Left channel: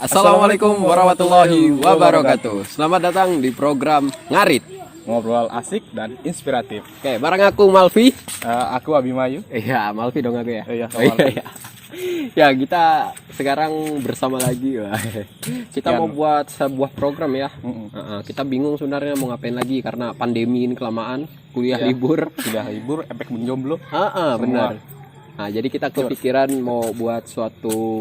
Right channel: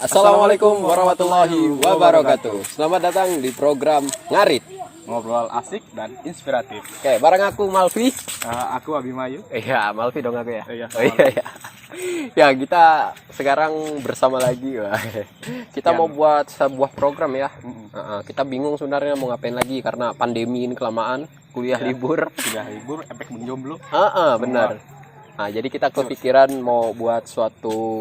Assalamualaikum warahmatullahi wabarakatuh. Selamat datang di program Ngarit. Ngobrol asik dan inspiratif. Oke, bareng aku Malvi. Aku Abimayu. Iya, Malvi dong aku ya. Iya, Oh, iya. Ya, kita sekarang bersama lagi. Wah. Kita mau buat sebuah program ya. Kita bingung sebenarnya mau ngapain lagi karena pandemi ini kelamaan, kuliah libur. Sudah libur, efek menjomblo. Benar. Nah, jadi kita kepikiran mau buat suatu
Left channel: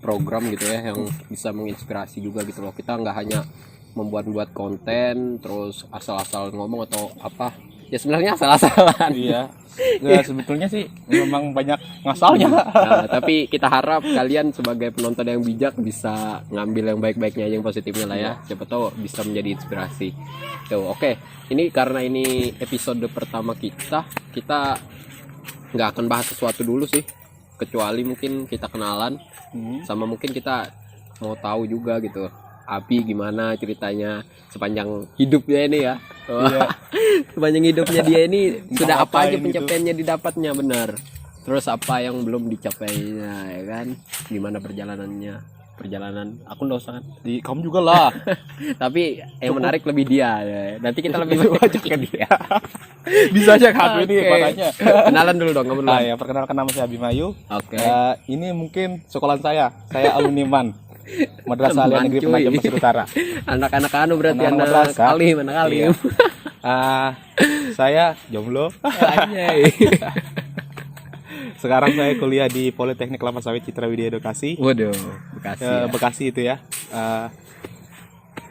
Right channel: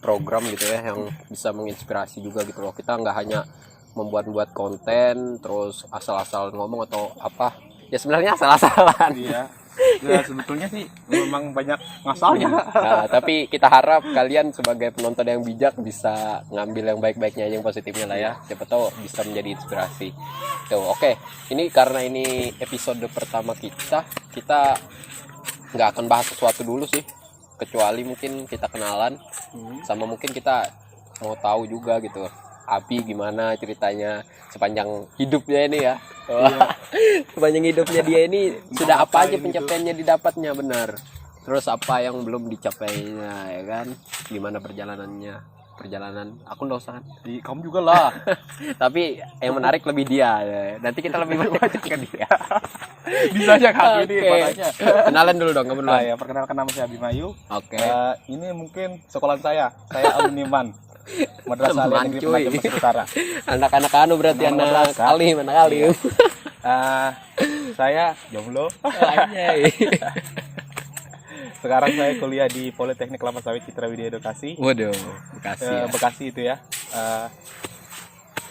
program gitu ya yang bisa menginspirasi juga gitu loh. Kita nggak hanya membuat konten terus asal-asal ngomong atau apa. Ya sebenarnya asal-asalan. Iya. Ya, sebetulnya sih memang banyak ngasalnya. Nah, tapi kita harap kalian sebagai penonton yang bijak bisa ngambil yang baik-baiknya aja, yang positifnya lah ya. Siapa tahu bisa menjadi inspirasi. Tuh, oke. Ini karena ini episode pertama kita nggak akan bahas sesuatu dulu sih. Kecuali mungkin kita kenalan sama mungkin kita mau tahu juga gitu. Abi gimana ceritanya sepanjang hidupnya ini ya. Iya. Sepanjang hidupnya dia ini sudah apa aja ngapain pencapaiannya didapatnya, benar. Terus apa yang belum dicapainya ya kan? Gimana perjalanan aku nggak usah kan. Di kamu juga lah. Tapi yang menarik lebih dia ya. Nanti kita lebih banyak ke dia. Bisa aja kami ini Oke. makanya. Kenalan dulu dong, kamu duluan. Ya, perkenalkan nama saya Abimayu. Oke. Ini mungkin sekolahan saya. Saya alumni MAN. Madrasah Man, Negeri cuy. Penajam Pasir Utara. Anak-anak anu berarti Anak anak madrasah. alim. Iya. Saya jomblo. Anjay. Sekarang saya kuliah di Politeknik Kelapa Sawit Citra Widya Edukasi. Waduh, Bekasi ya. Bekasi itu ya.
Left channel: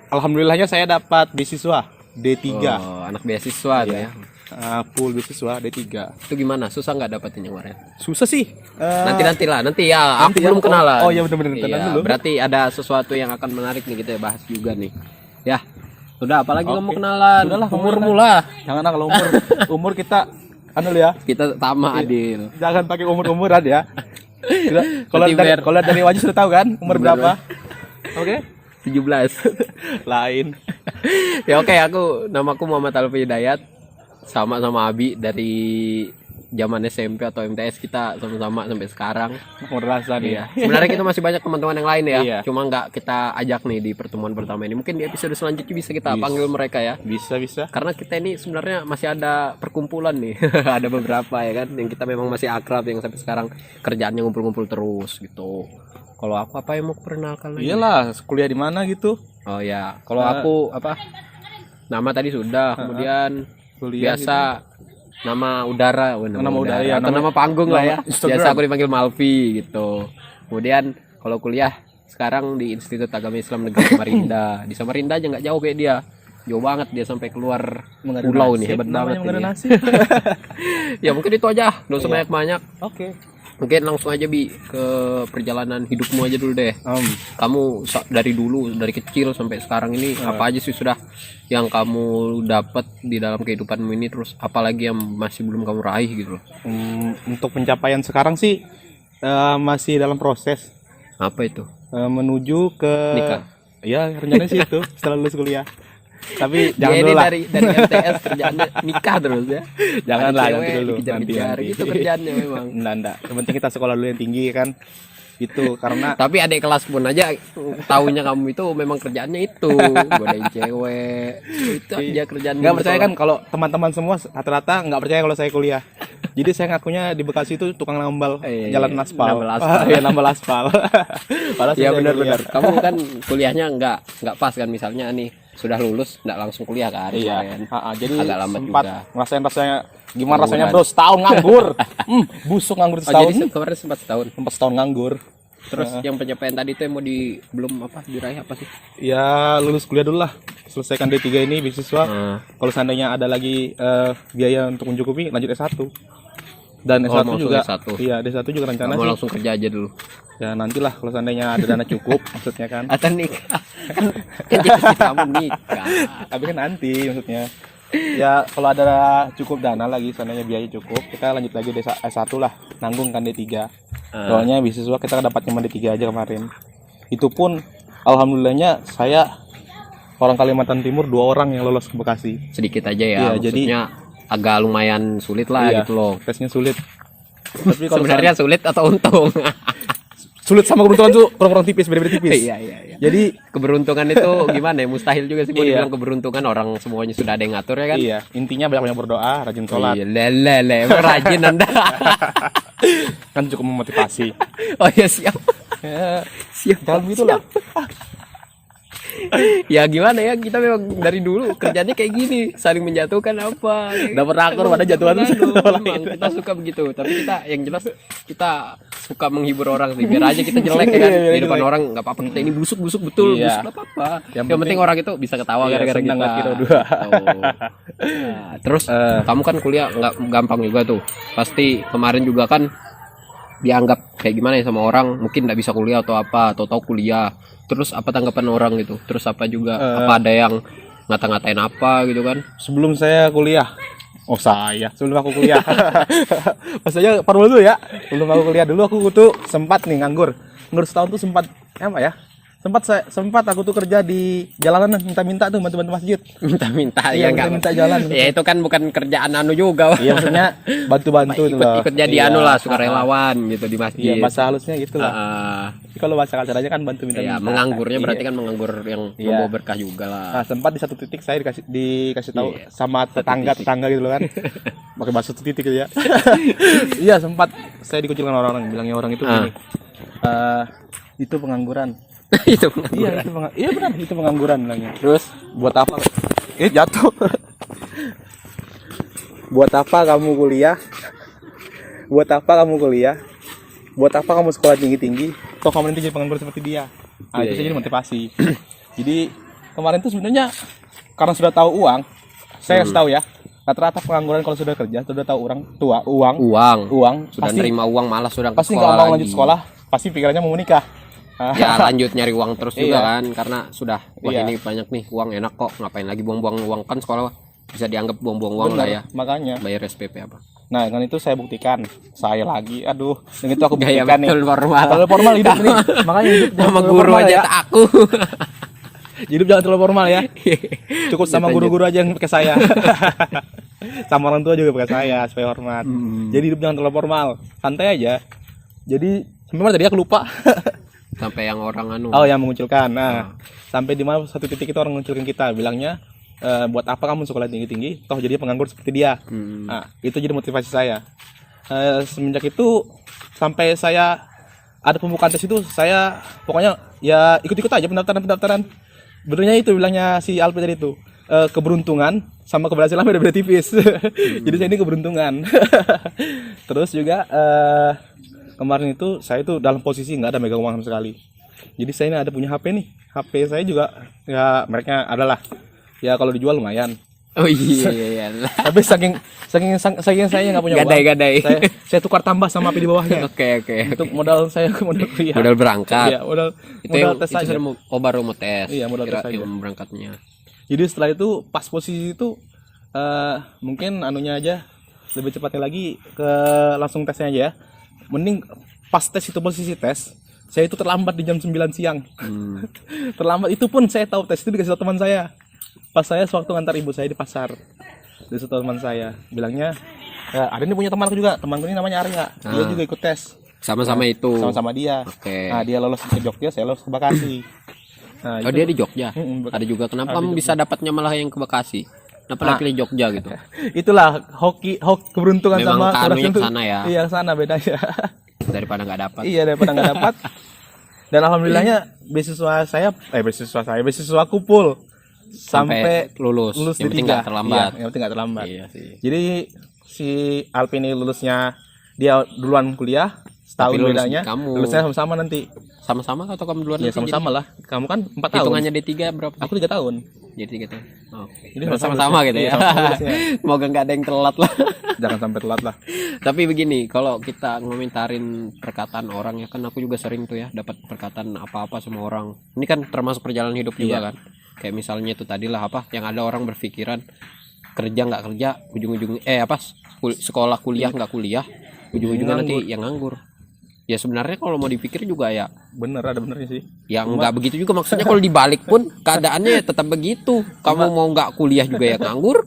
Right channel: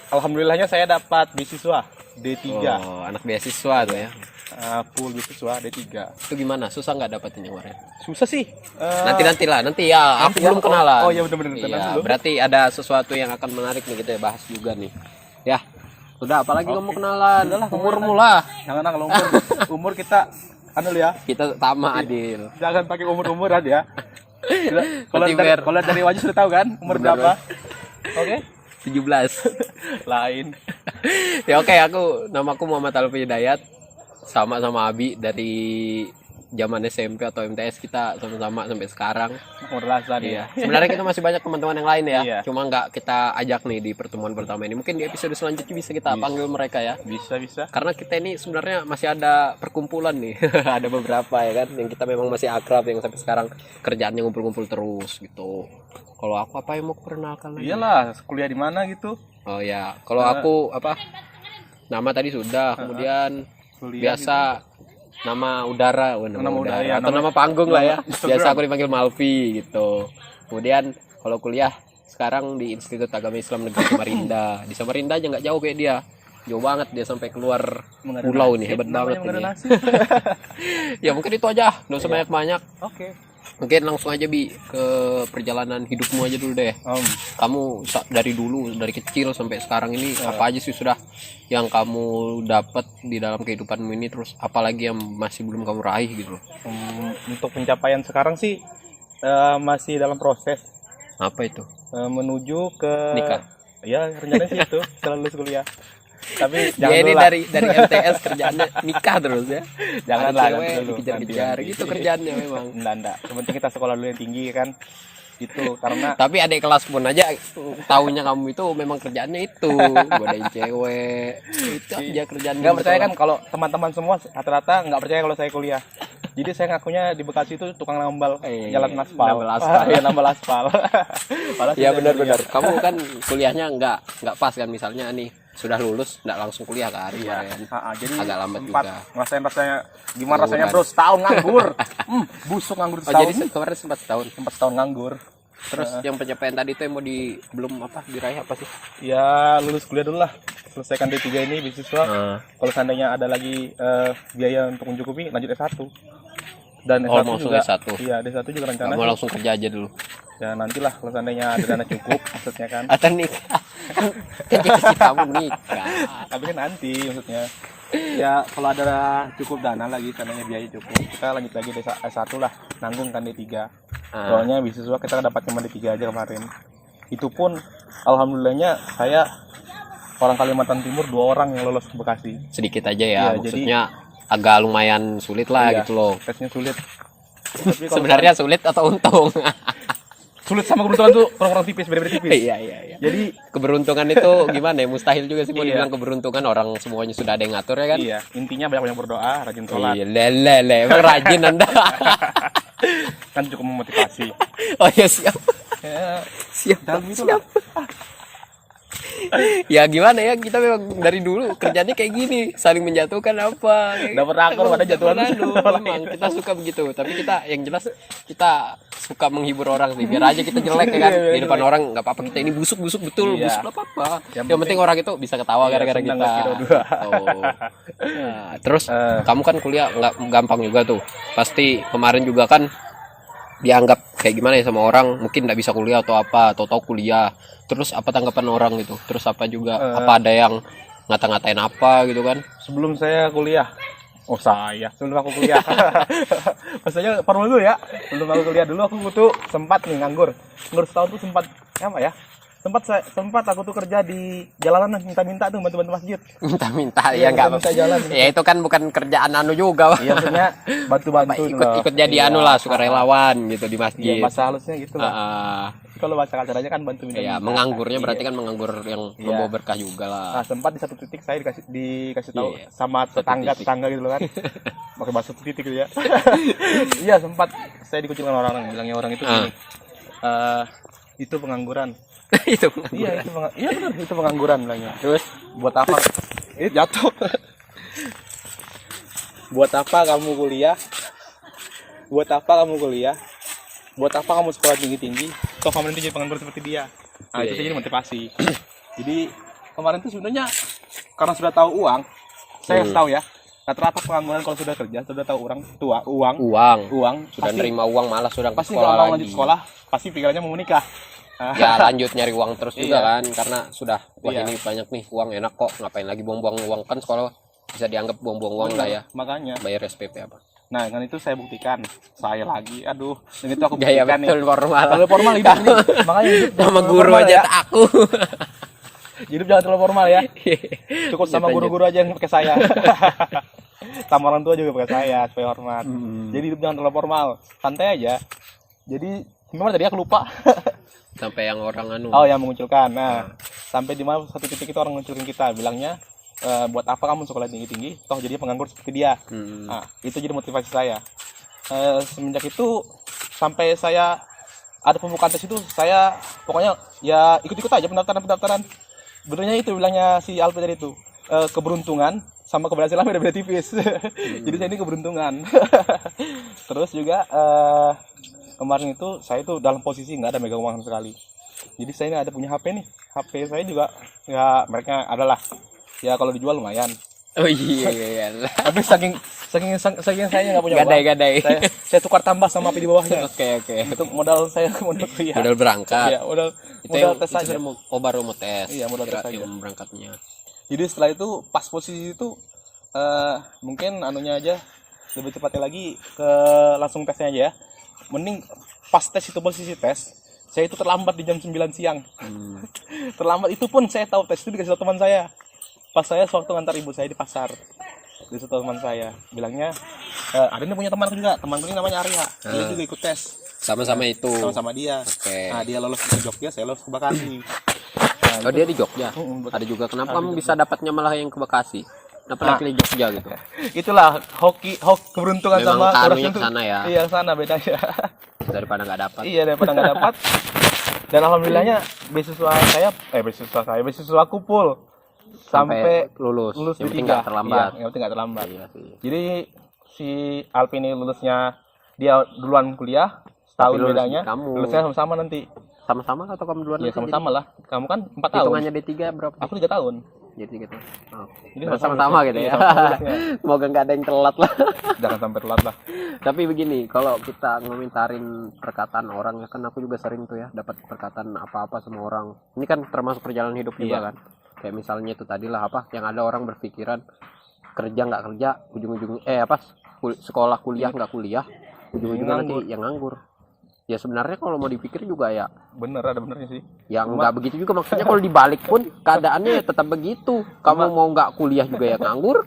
Alhamdulillahnya saya dapat beasiswa D3. Oh, anak beasiswa tuh ya. Full beasiswa D3. Itu gimana? Susah nggak dapetin yang kemarin? Susah sih. Nanti lah. Nanti ya. Aku nanti ya. belum kenalan. Oh iya benar-benar Iya, kenalan dulu. berarti ada sesuatu yang akan menarik nih kita bahas juga nih. Ya. Sudah, apalagi kamu kenalan? Sudahlah, Umurmu lah. Jangan kalau umur kita ya. Kita sama Adil. Jangan pakai umur-umuran ya. Kalau Nanti biar- dari wajah sudah tahu kan umur Benar, berapa? Oke. 17. Lain. Ya oke, namaku Muhammad Alfi Hidayat. Sama Abi dari zaman SMP atau MTS kita sama-sama sampai sekarang. Madrasah nih. Iya. Sebenarnya kita masih banyak teman-teman yang lain ya. Iya. Cuma nggak kita ajak nih di pertemuan pertama ini. Mungkin di episode selanjutnya bisa kita panggil mereka ya. Bisa. Karena kita ini sebenarnya masih ada perkumpulan nih. Ada beberapa ya kan yang kita memang masih akrab, yang sampai sekarang kerjaannya ngumpul-ngumpul terus gitu. Kalau aku apa yang mau perkenalkan lagi? Iyalah, kuliah di mana gitu? Oh ya, kalau aku nama tadi sudah, kemudian Kuliah biasa nama udara, nama udara ya, atau nama panggung lah ya. Instagram. Biasa aku dipanggil Malvi gitu. Kemudian kalau kuliah sekarang di Institut Agama Islam Negeri Samarinda. Di Samarinda aja nggak jauh kayak dia. Jauh banget dia sampai keluar pulau nih, hebat banget ini. Ya. Ya mungkin itu aja, nggak usah banyak-banyak. Oke. Mungkin langsung aja ke perjalanan hidupmu aja dulu deh. Kamu dari dulu, dari kecil sampai sekarang ini apa aja sih sudah yang kamu dapat di dalam kehidupanmu ini, terus apalagi yang masih belum kamu raih gitu loh. Untuk pencapaian sekarang sih masih dalam proses Apa itu? menuju ke Nikah. Ya rencananya sih itu setelah lulus kuliah. Tapi Dia jangan ini dulu lah. dari MTS kerjaannya nikah terus ya. Jangan Ada lah, cewek nanti dulu. dikejar-kejar Nanti. gitu kerjaannya memang. Enggak. Yang penting kita sekolah dulu yang tinggi kan. Itu karena Tapi adik kelas pun aja taunya kamu itu memang kerjaannya itu godain cewek. Itu aja kerjaan nggak di percaya sekolah. kan kalau teman-teman semua rata-rata nggak percaya kalau saya kuliah. Jadi saya ngakunya di Bekasi itu tukang nambal jalan aspal. Nambal aspal. Iya, nambal aspal. Padahal Iya saya benar-benar. kuliah. Kamu kan kuliahnya nggak pas kan, misalnya nih sudah lulus nggak langsung kuliah kan? Iya. Kemarin. Jadi agak lambat sempat juga. ngerasain rasanya gimana Pengangguran. rasanya bro setahun nganggur. Busuk nganggur Oh, setahun. jadi kemarin sempat setahun. Sempat setahun nganggur. Terus yang pencapaian tadi itu yang mau belum diraih apa sih? Ya lulus kuliah dulu lah. Selesaikan D3 ini beasiswa. Kalau seandainya ada lagi biaya untuk mencukupi lanjut S1. Dan S1 mau juga S1. Iya, D1 juga rencana Kamu sih. langsung kerja aja dulu. Ya nantilah kalau seandainya ada dana cukup maksudnya kan. Atau nikah. Kan cita-citamu nikah. Tapi kan nanti maksudnya. Ya kalau ada cukup dana lagi seandainya biaya cukup, kita lanjut lagi S1 lah, nanggung kan D3. Soalnya beasiswa kita dapat cuma D3 aja kemarin. Itu pun alhamdulillahnya saya orang Kalimantan Timur 2 orang yang lolos ke Bekasi. Sedikit aja ya, Iya, maksudnya agak lumayan sulit lah Iya, gitu loh. tesnya sulit. Tapi kalau Sebenarnya sulit atau untung? sulit sama keberuntungan tuh kurang tipis, beda-beda tipis. Iya. Jadi Keberuntungan itu gimana ya? Mustahil juga sih mau Iya. dibilang keberuntungan, orang semuanya sudah ada yang ngatur ya kan? iya, intinya banyak-banyak berdoa, rajin Oh, sholat. iya, lele, emang rajin Anda. Kan cukup memotivasi. Oh ya siap. Ya, Siap. dalam itu lah. Ya gimana ya, kita memang dari dulu kerjanya kayak gini, saling menjatuhkan apa. Dapat rakor pada jatuhan Aduh, tuh. memang kita suka begitu, tapi kita yang jelas kita suka menghibur orang sih, biar aja kita jelek ya kan Iya, di depan orang, nggak apa-apa, kita ini busuk betul, Iya. busuk nggak apa-apa. Yang Yang penting orang itu bisa ketawa Iya, gara-gara senang kita. hati dua-dua. Gitu. Nah, terus kamu kan kuliah nggak gampang juga tuh, pasti kemarin juga kan dianggap kayak gimana ya sama orang, mungkin nggak bisa kuliah atau apa, atau tahu kuliah. Terus apa tanggapan orang gitu? Terus apa juga apa ada yang ngata-ngatain apa gitu kan? Sebelum saya kuliah, sebelum aku kuliah. Maksudnya formal dulu ya. Sebelum aku kuliah dulu aku tuh sempat nih nganggur setahun tuh sempat apa ya? Sempat aku tuh kerja di jalanan minta-minta tuh bantu-bantu masjid. Minta-minta Iya, ya nggak minta jalan. ya itu kan bukan kerjaan anu juga. Iya maksudnya bantu-bantu gitu loh. ikut jadi Iya. anu lah, sukarelawan gitu di Iya, masjid. bahasa halusnya gitu lah. Ah, Tapi kalau bahasa kasarnya kan bantu minta. ya menganggurnya berarti kan menganggur yang Iya. membawa berkah juga lah. Nah, sempat di satu titik saya dikasih tahu Iya, sama satu tetangga gitu loh kan. Pakai bahasa satu titik gitu ya. Iya, sempat saya dikucilkan orang-orang, bilangnya orang itu Ah. gini. Itu pengangguran. Itu Iya benar, itu pengangguran bilangnya. terus Buat apa? Ini jatuh. Buat apa kamu kuliah? Buat apa kamu kuliah? Buat apa kamu sekolah tinggi-tinggi? Toh kamu nanti jadi pengangguran seperti dia. Nah, Iya, itu iya. jadi motivasi. Jadi kemarin tuh sebenarnya karena sudah tahu uang, saya kasih tahu ya. Rata-rata pengangguran kalau sudah kerja, sudah tahu orang tua uang, sudah pasti nerima uang malah sudah ke pasti sekolah nggak mau lagi. lanjut sekolah, pasti pikirannya mau menikah. Ya lanjut nyari uang terus juga Iya. kan, karena sudah wah Iya. ini banyak nih uang, enak kok, ngapain lagi buang-buang uang, kan sekolah bisa dianggap buang-buang uang lah ya, Makanya. bayar SPP apa. Nah, kan itu saya buktikan. Saya lagi, aduh, dan itu aku Gaya buktikan nih. betul formal. Terlalu formal hidup nih. Makanya hidup jangan Sama terlalu guru formal aja ya. tak aku. Hidup jangan terlalu formal ya. Cukup sama Lanjut. guru-guru aja yang pakai saya. Sama orang tua juga pakai saya supaya hormat. Jadi hidup jangan terlalu formal, santai aja. Jadi memang tadi aku lupa. Sampai yang orang anu. Oh, yang mengucilkan. Nah, sampai di mana satu titik itu orang mengucilkan kita, bilangnya buat apa kamu sekolah tinggi-tinggi, toh jadi penganggur seperti dia. Hmm. Nah, itu jadi motivasi saya. Semenjak itu sampai saya ada pembukaan tes itu, saya pokoknya ya ikut-ikut aja pendaftaran. Benernya itu bilangnya si Alpi tadi itu, keberuntungan sama keberhasilan beda-beda tipis. Jadi saya ini keberuntungan. Terus juga kemarin itu saya itu dalam posisi nggak ada megang uang sama sekali. Jadi saya ini ada punya HP nih. HP saya juga ya mereknya adalah ya kalau dijual lumayan. Oh iya. Tapi saking saya nggak punya uang. Gadai. Saya tukar tambah sama HP di bawahnya. Oke. Untuk modal saya ke modal kuliah. Modal berangkat. Iya, modal Itu yang tes itu saja. baru mau tes. Iya, modal tes Kirain aja. berangkatnya. Jadi setelah itu pas posisi itu mungkin anunya aja lebih cepatnya lagi ke langsung tesnya aja ya. Mending pas tes itu posisi tes, saya itu terlambat di jam 9 siang. Terlambat itu pun saya tahu tes itu dikasih tahu teman saya. Pas saya sewaktu ngantar ibu saya di pasar. Dikasih tahu teman saya, bilangnya ada nih punya temanku juga, temanku ini namanya Arya. Dia juga ikut tes. Sama-sama itu. Sama-sama dia. Oke. Nah, dia lolos ke Jogja, saya lolos ke Bekasi. Nah, Oh dia di Jogja. Mm-mm, Ada juga. Kenapa kamu bisa dapatnya malah yang ke Bekasi? Kenapa pilih Jogja gitu? itulah hoki keberuntungan Memang sama keanunya itu. ke sana ya? Iya, ke sana bedanya. Daripada nggak dapat. Iya, daripada nggak dapat. Dan alhamdulillahnya beasiswaku full sampai lulus. lulus Yang di penting 3. nggak terlambat. Iya, yang penting nggak terlambat. Iya sih. Jadi si Alpi ini lulusnya dia duluan kuliah setahun Tapi lulus bedanya. kamu. Lulusnya sama-sama nanti. Sama-sama atau kamu duluan? Iya, aja sama-sama lah. Kamu kan 4 jadi? tahun. Hitungannya D3 berapa? Aku 3 tahun. Jadi 3 tahun. Oke. Jadi Berarti sama-sama gitu ya. Iya, sama-sama lulusnya. Semoga nggak ada yang telat lah. Jangan sampai telat lah. Tapi begini, kalau kita ngomentarin perkataan orang ya kan, aku juga sering tuh ya dapat perkataan apa-apa sama orang. Ini kan termasuk perjalanan hidup juga Iya. kan. Kayak misalnya itu tadilah apa yang ada orang berpikiran kerja nggak kerja, ujung-ujung sekolah kuliah nggak kuliah, ujung-ujungnya nanti yang nganggur. Ya sebenarnya kalau mau dipikir juga ya Bener, ada benernya sih. yang nggak begitu juga, maksudnya kalau dibalik pun keadaannya tetap begitu. Kamu mau nggak kuliah juga ya nganggur.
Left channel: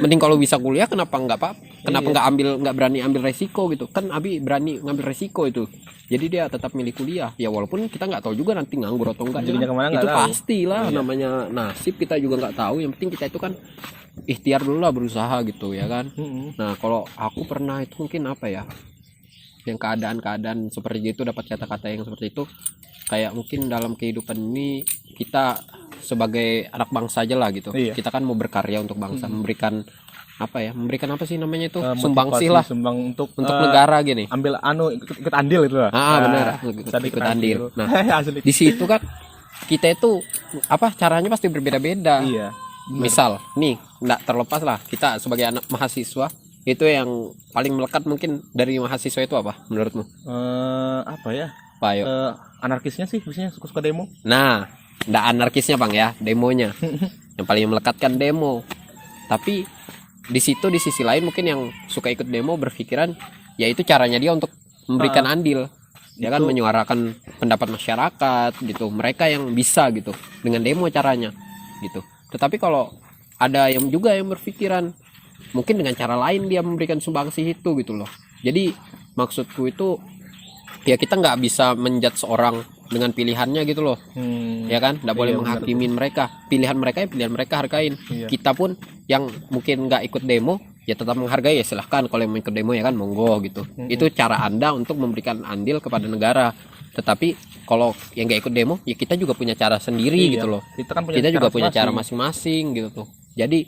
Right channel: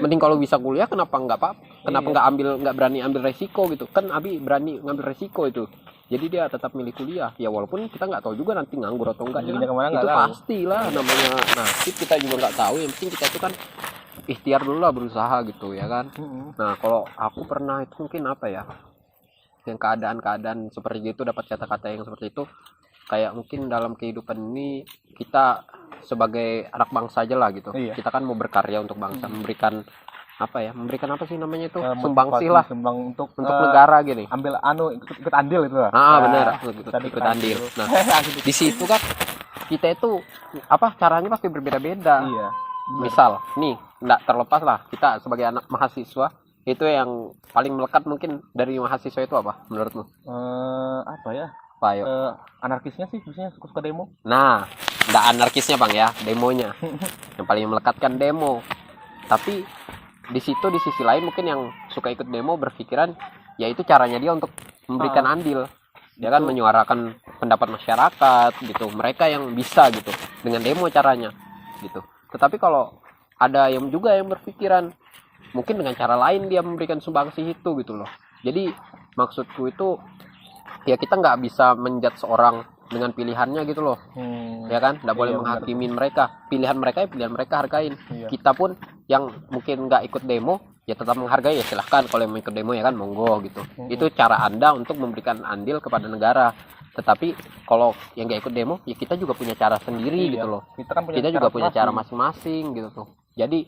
Mending kalau bisa kuliah kenapa nggak apa? Kenapa nggak berani ambil resiko gitu? Kan Abi berani ngambil resiko itu. Jadi dia tetap milih kuliah. Ya walaupun kita nggak tahu juga nanti nganggur atau enggak. Rezekinya kemana nggak Itu tahu. pastilah namanya nasib, kita juga nggak tahu. Yang penting kita itu kan ikhtiar dulu lah, berusaha gitu ya kan. Nah kalau aku pernah itu mungkin apa ya, yang keadaan seperti itu, dapat kata-kata yang seperti itu, kayak mungkin dalam kehidupan ini kita sebagai anak bangsa aja lah gitu. Iya. Kita kan mau berkarya untuk bangsa, memberikan apa sih namanya itu, Motivasi, sumbangsi lah sumbang untuk negara gini. ambil ikut andil itu lah. Benar, tadi ikut andil. Nah, Asli. di situ kan kita itu caranya pasti berbeda-beda. Iya. Misal nih, nggak terlepas lah kita sebagai anak mahasiswa, itu yang paling melekat mungkin dari mahasiswa itu apa menurutmu? Apa ya? Pak Ayo. Anarkisnya sih biasanya suka demo. Nah, nggak anarkisnya bang ya, demonya. Yang paling melekat kan demo. Tapi di situ di sisi lain mungkin yang suka ikut demo berpikiran ya itu caranya dia untuk memberikan andil, ya kan, menyuarakan pendapat masyarakat gitu. Mereka yang bisa gitu dengan demo caranya gitu. Tetapi kalau ada yang juga yang berpikiran mungkin dengan cara lain dia memberikan sumbangsi itu gitu loh. Jadi maksudku itu ya kita nggak bisa menjudge seorang dengan pilihannya gitu loh. Ya kan, nggak boleh menghakimin mereka. Pilihan mereka ya pilihan mereka, hargain. Kita pun yang mungkin nggak ikut demo ya tetap menghargai, ya silahkan kalau yang mau ikut demo ya kan, monggo gitu. Itu cara Anda untuk memberikan andil kepada negara. Tetapi kalau yang nggak ikut demo ya kita juga punya cara sendiri gitu loh. Kita juga punya cara masing-masing gitu tuh. Jadi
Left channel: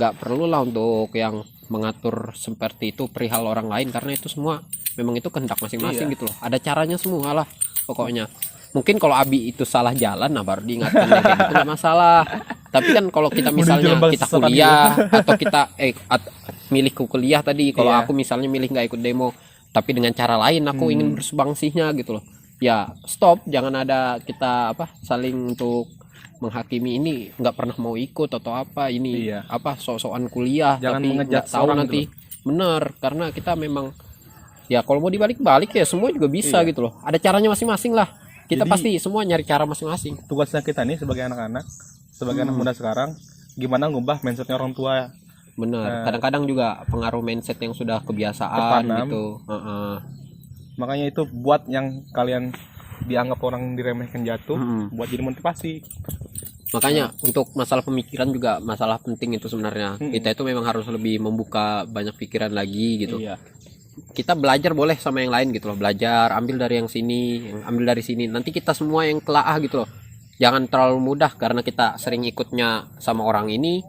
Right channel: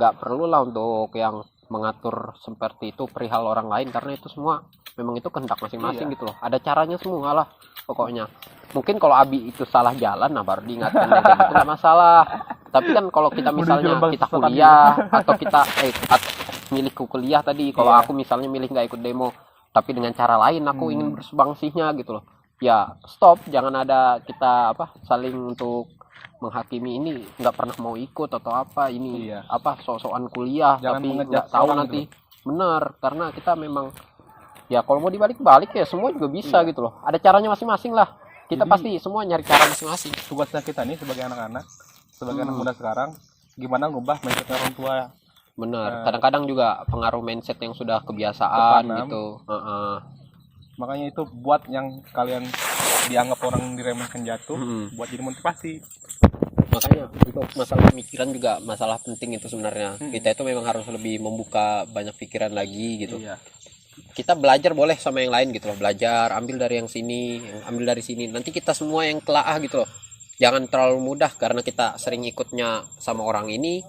nggak perlu lah untuk yang mengatur seperti itu perihal orang lain, karena itu semua memang itu kehendak masing-masing gitu loh. Ada caranya semua lah pokoknya. Mungkin kalau Abi itu salah jalan, nah baru diingatkan ya, kayak gitu nggak masalah. Tapi kan kalau kita misalnya kita kuliah atau kita milih kuliah tadi, kalau aku misalnya milih nggak ikut demo tapi dengan cara lain aku ingin bersubangsinya gitu loh, ya stop, jangan ada kita saling untuk menghakimi ini nggak pernah mau ikut atau apa ini sok-sokan kuliah. Jangan tapi nggak tahu nanti gitu. Bener, karena kita memang ya kalau mau dibalik-balik ya semua juga bisa gitu loh, ada caranya masing-masing lah. Kita pasti semua nyari cara masing-masing. Tugasnya kita nih sebagai anak-anak, sebagai anak muda sekarang, gimana ngubah mindsetnya orang tua. Bener, kadang-kadang juga pengaruh mindset yang sudah kebiasaan gitu. Makanya itu buat yang kalian dianggap orang diremehkan jatuh, buat jadi motivasi. Makanya untuk masalah pemikiran juga masalah penting itu sebenarnya. Kita itu memang harus lebih membuka banyak pikiran lagi gitu. Kita belajar boleh sama yang lain gitu loh, belajar, ambil dari yang sini, ambil dari sini, nanti kita semua yang telaah gitu loh. Jangan terlalu mudah karena kita sering ikutnya sama orang ini,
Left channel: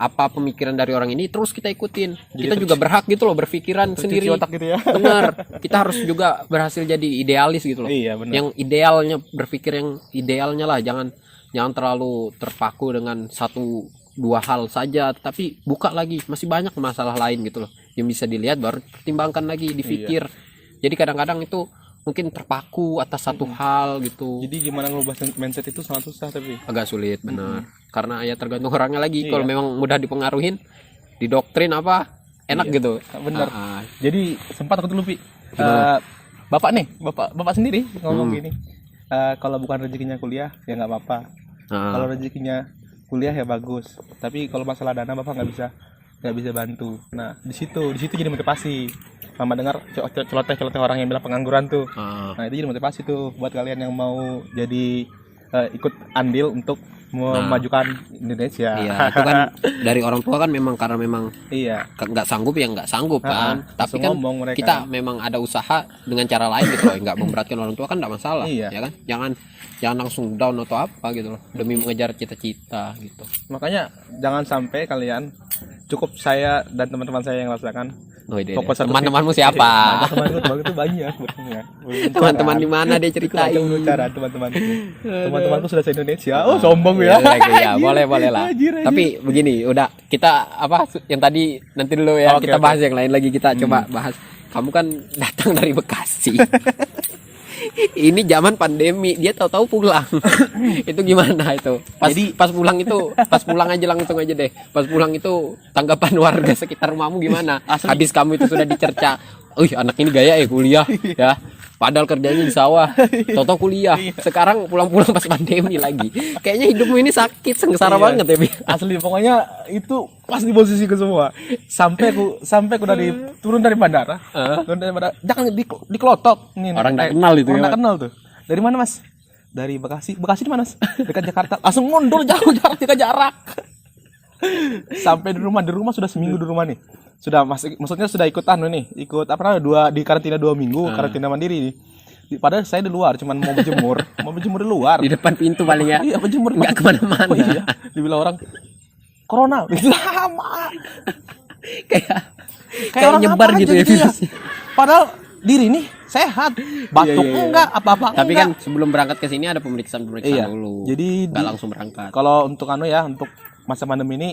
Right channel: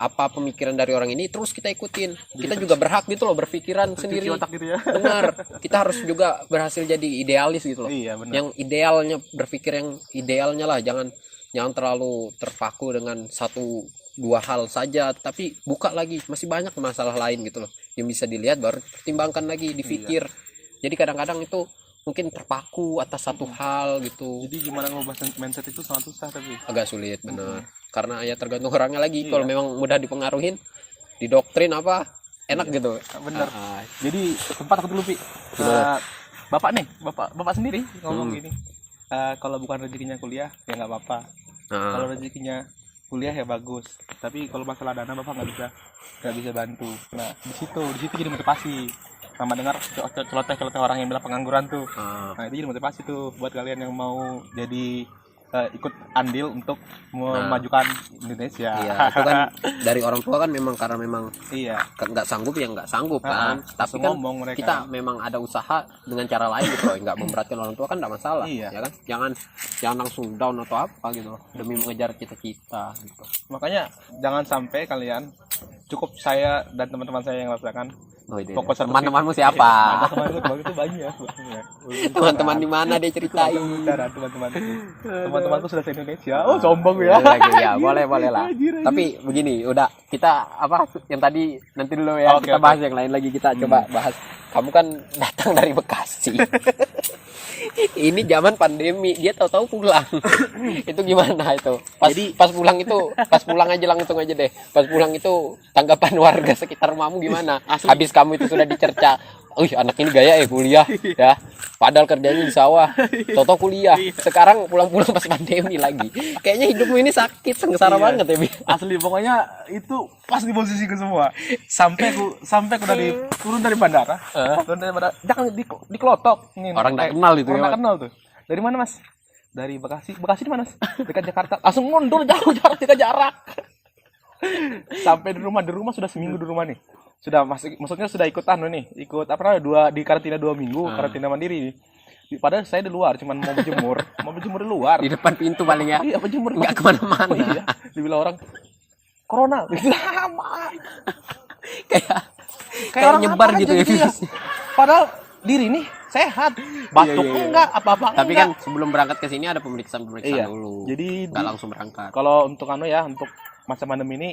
apa pemikiran dari orang ini terus kita ikutin. Kita juga berhak gitu loh berpikiran sendiri. Gitu ya. Benar, kita harus juga berhasil jadi idealis gitu loh. Yang idealnya, berpikir yang idealnya lah, jangan terlalu terpaku dengan satu dua hal saja, tapi buka lagi, masih banyak masalah lain gitu loh yang bisa dilihat, baru pertimbangkan lagi, dipikir. Jadi kadang-kadang itu mungkin terpaku atas satu hal gitu. Jadi gimana ngubah mindset itu sangat susah, tapi agak sulit benar. Karena ya tergantung orangnya lagi. Kalau memang mudah dipengaruhin, didoktrin apa enak gitu. Benar. Jadi sempat aku dulu bapak sendiri ngomong gini, kalau bukan rezekinya kuliah ya nggak apa-apa. Kalau rezekinya kuliah ya bagus, tapi kalau masalah dana bapak nggak bisa bantu. Nah di situ jadi motivasi, sama dengar celoteh orang yang bilang pengangguran tuh. Nah itu jadi motivasi tuh buat kalian yang mau jadi ikut andil untuk memajukan Indonesia. Iya, itu kan dari orang tua kan memang karena memang nggak sanggup ya nggak sanggup kan. Tapi kan kita memang ada usaha dengan cara lain gitu loh, nggak memberatkan orang tua kan nggak masalah. Ya kan, jangan langsung down atau apa gitu loh demi mengejar cita-cita gitu. Makanya jangan sampai kalian, cukup saya dan teman-teman saya yang rasakan. Teman-temanmu siapa? Teman-teman itu banyak. Teman-teman di mana dia ceritain? Teman-temanku sudah se-Indonesia. Oh sombong ya. Ya boleh lah. Tapi begini, udah kita yang tadi nanti dulu ya, kita bahas yang lain lagi, kita coba bahas. Kamu kan datang dari Bekasi. Ini zaman pandemi, dia tahu-tahu pulang. Itu gimana itu? Pas pulang aja langsung aja deh. Pas pulang itu tanggapan warga sekitar rumahmu gimana? Habis kamu itu sudah dicerca anak ini gaya ya kuliah ya. Padahal kerjanya di sawah, tau-tau kuliah. Sekarang pulang-pulang pas pandemi lagi. Kayaknya hidupmu ini sakit, sengsara banget ya, Bi. Asli pokoknya itu pas di posisiku semua. Sampai aku dari turun dari bandara. Jangan dikelotok. Nih, Orang nggak kenal itu orang ya, nggak kenal tuh. Dari mana, Mas? Dari Bekasi. Bekasi di mana, Mas? Dekat Jakarta. Langsung mundur jauh jarak. Sampai di rumah sudah seminggu di rumah nih. Sudah maksudnya sudah ikut ikut apa namanya, di karantina 2 minggu, karantina mandiri nih. Padahal saya di luar, cuman mau berjemur di luar. Di depan pintu paling ya. Iya, berjemur. Nggak kemana-mana. Oh, iya. Dibilang orang corona. Sama. Kayak nyebar gitu ya virusnya. Padahal diri nih sehat, batuk enggak, apa-apa. Tapi kan sebelum berangkat ke sini ada pemeriksaan dulu. Jadi nggak langsung berangkat. Kalau untuk untuk masa pandemi ini,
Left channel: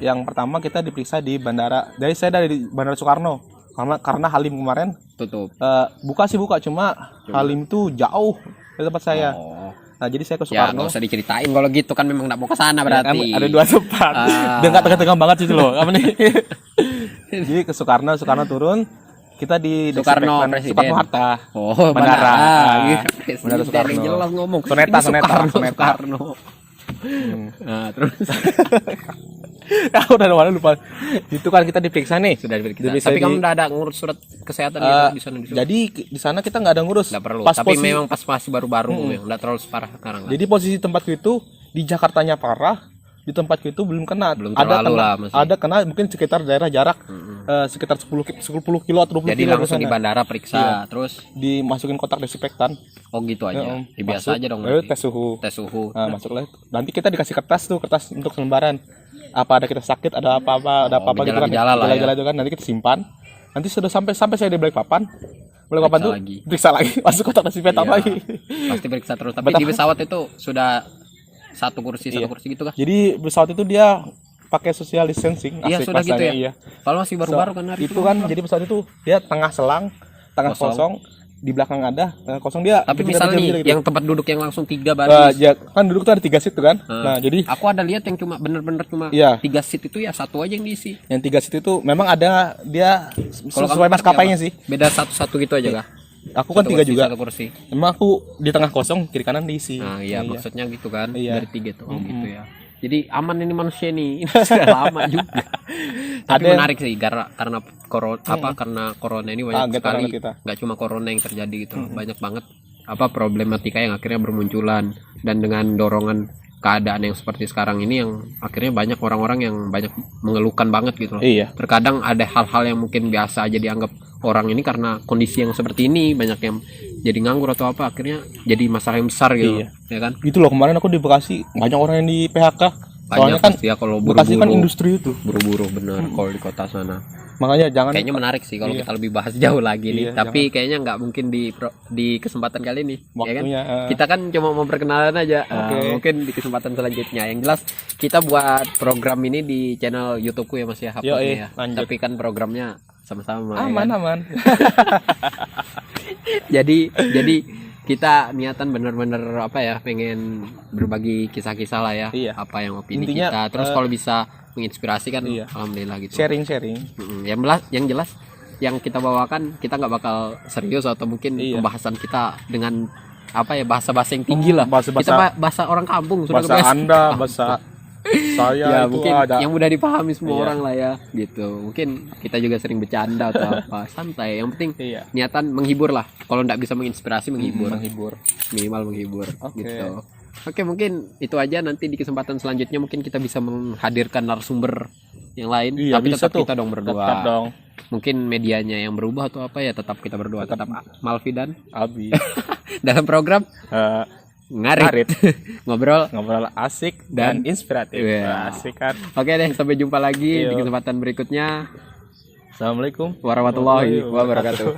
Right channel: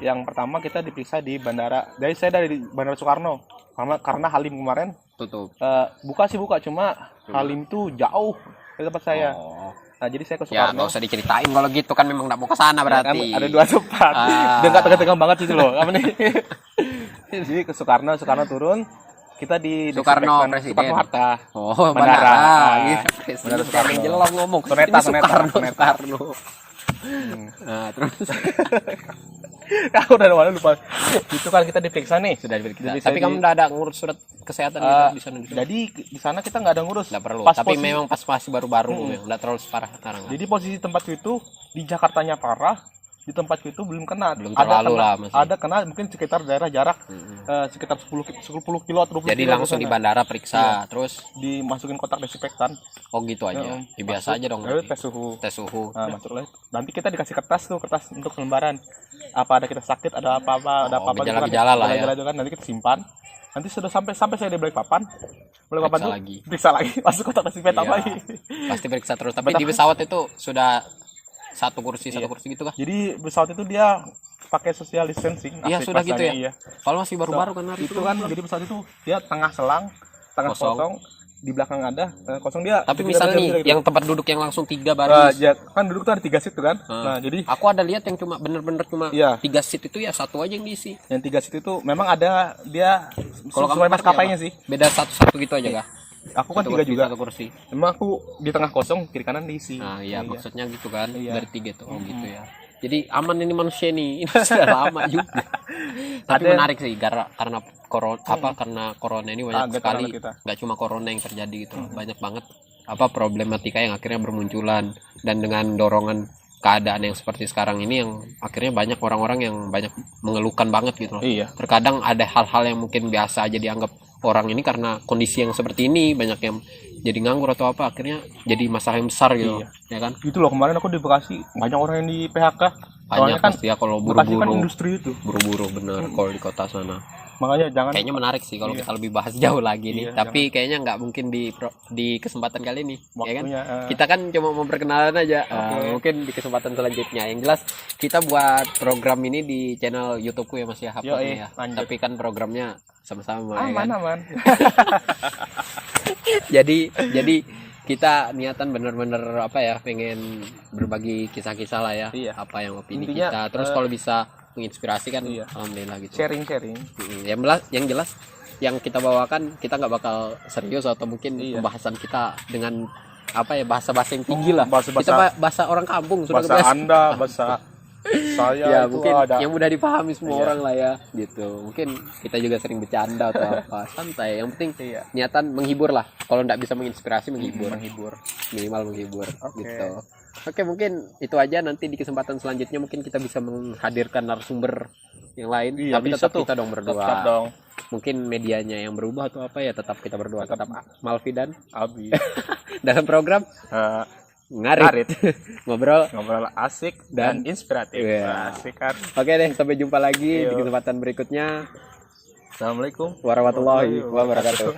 yang pertama kita diperiksa di bandara. Saya dari Bandara Soekarno. Karena Halim kemarin Tutup. Buka cuma Halim itu jauh dari tempat saya. Oh. Nah, jadi saya ke Ya Soekarno. nggak usah diceritain kalau gitu kan memang nggak mau ke sana berarti. Kan ada 2 tempat. Dia nggak tegang banget itu loh. Apa nih? Jadi ke Soekarno turun. Kita di Soekarno Presiden. Soekarno Hatta. Oh, bandara. Presiden Soekarno. yang jelas ngomong. Soneta. Soekarno. Nah, terus Udah mana lupa. Itu kan kita diperiksa nih. sudah diperiksa. Tapi kamu udah ada ngurus surat kesehatan gitu di sana. Jadi di sana kita nggak ada ngurus. Nggak perlu. Tapi memang pas masih baru-baru memang nggak terlalu parah sekarang. Jadi posisi tempatku itu di Jakartanya parah, di tempatku itu belum kena. Belum terlalu lah masih. Ada kena mungkin sekitar daerah jarak sekitar 10 kilo atau 20 Jadi kilo langsung di bandara periksa, terus dimasukin kotak desinfektan. oh gitu aja. Ya, biasa aja dong. Lalu berarti. tes suhu. Tes suhu. Nah, masuklah. Nanti kita dikasih kertas untuk lembaran. Apa ada kita sakit, ada apa-apa, ada apa-apa gitu kan. gejala-gejala lah ya. Gejala itu kan nanti kita simpan. Nanti sudah sampai saya di Balikpapan. Balikpapan tuh lagi. periksa lagi, masuk kotak desinfektan Iya. lagi. Pasti periksa terus. Tapi di pesawat itu sudah satu kursi gitu kan? Jadi pesawat itu dia pakai social distancing. Iya asik sudah gitu ya. rasanya, Iya. Kalau masih baru-baru kan hari Itu kan jadi pesawat itu dia tengah selang, tengah kosong, di belakang ada kosong dia. Tapi dia misal nih gitu. yang tempat duduk yang langsung 3 baris. Ya, kan duduk tuh ada 3 seat tuh kan. Nah, jadi Aku ada lihat yang cuma bener-bener cuma Iya. 3 seat itu ya satu aja yang diisi. yang 3 seat itu memang ada dia Kalau kamu sesuai pakai maskapainya apa? sih. Beda satu-satu gitu aja kah? Aku kan Satu 3 kursi, juga. Satu kursi. Memang aku di tengah kosong, kiri kanan diisi. Nah, iya maksudnya gitu kan. Iya. Dari 3 tuh. Oh, gitu ya. Jadi aman ini manusia nih. Ini sudah lama juga. Tapi Ada yang- menarik sih karena corona ini banyak Kaget sekali. banget kita. Nggak cuma corona yang terjadi gitu loh. Banyak banget problematika yang akhirnya bermunculan, dan dengan dorongan keadaan yang seperti sekarang ini yang akhirnya banyak orang-orang yang banyak mengeluhkan banget gitu loh. Iya. Terkadang ada hal-hal yang mungkin biasa aja dianggap orang ini karena kondisi yang seperti ini, banyak yang jadi nganggur atau apa, akhirnya jadi masalah yang besar gitu. Iya. Ya kan? Gitu loh, kemarin aku di Bekasi banyak orang yang di PHK. Banyak Soalnya kan pasti ya kalau Bekasi kan buru-buru. industri itu. Buru-buru bener kalau di kota sana. Makanya jangan Kayaknya menarik sih kalau Iya. kita lebih bahas jauh lagi nih. Iya, Tapi kayaknya nggak mungkin di kesempatan kali ini, ya kan? waktunya. Kita kan cuma mau perkenalan aja. Oke. Mungkin di kesempatan selanjutnya. Yang jelas kita buat program ini di channel YouTubeku ya Mas ya, uploadnya Yoi, ya. lanjut. Tapi kan programnya sama-sama ya kan. aman. Jadi kita niatan bener-bener pengen berbagi kisah-kisah lah ya. Iya. Apa yang opini Intinya, kita. Terus kalau bisa menginspirasi kan Iya. alhamdulillah gitu. Sharing. Yang jelas yang kita bawakan kita nggak bakal serius atau mungkin Iya. pembahasan kita dengan bahasa-bahasa yang tinggi lah. Bahasa-bahasa- Kita bahasa orang kampung sudah Bahasa kebiasaan. Anda, bahasa saya Ya itu mungkin ada. yang mudah dipahami semua Iya. orang lah ya gitu. Mungkin kita juga sering bercanda atau apa, santai. Yang penting Iya. niatan menghibur lah. Kalau nggak bisa menginspirasi menghibur, Menghibur. minimal menghibur Oke. gitu. Oke, mungkin itu aja. Nanti di kesempatan selanjutnya mungkin kita bisa menghadirkan narasumber yang lain. Iya, Tapi bisa tetap tuh. kita dong berdua. Tetap dong. Mungkin medianya yang berubah atau apa ya, tetap kita berdua, tetap Malvi dan Abi. dalam program ngarit. Ngarit. Ngobrol. Ngobrol asik Dan- dan inspiratif. Iya. Asik kan. Oke deh, sampai jumpa lagi Iya. di kesempatan berikutnya. Assalamualaikum Warahmatullahi wabarakatuh.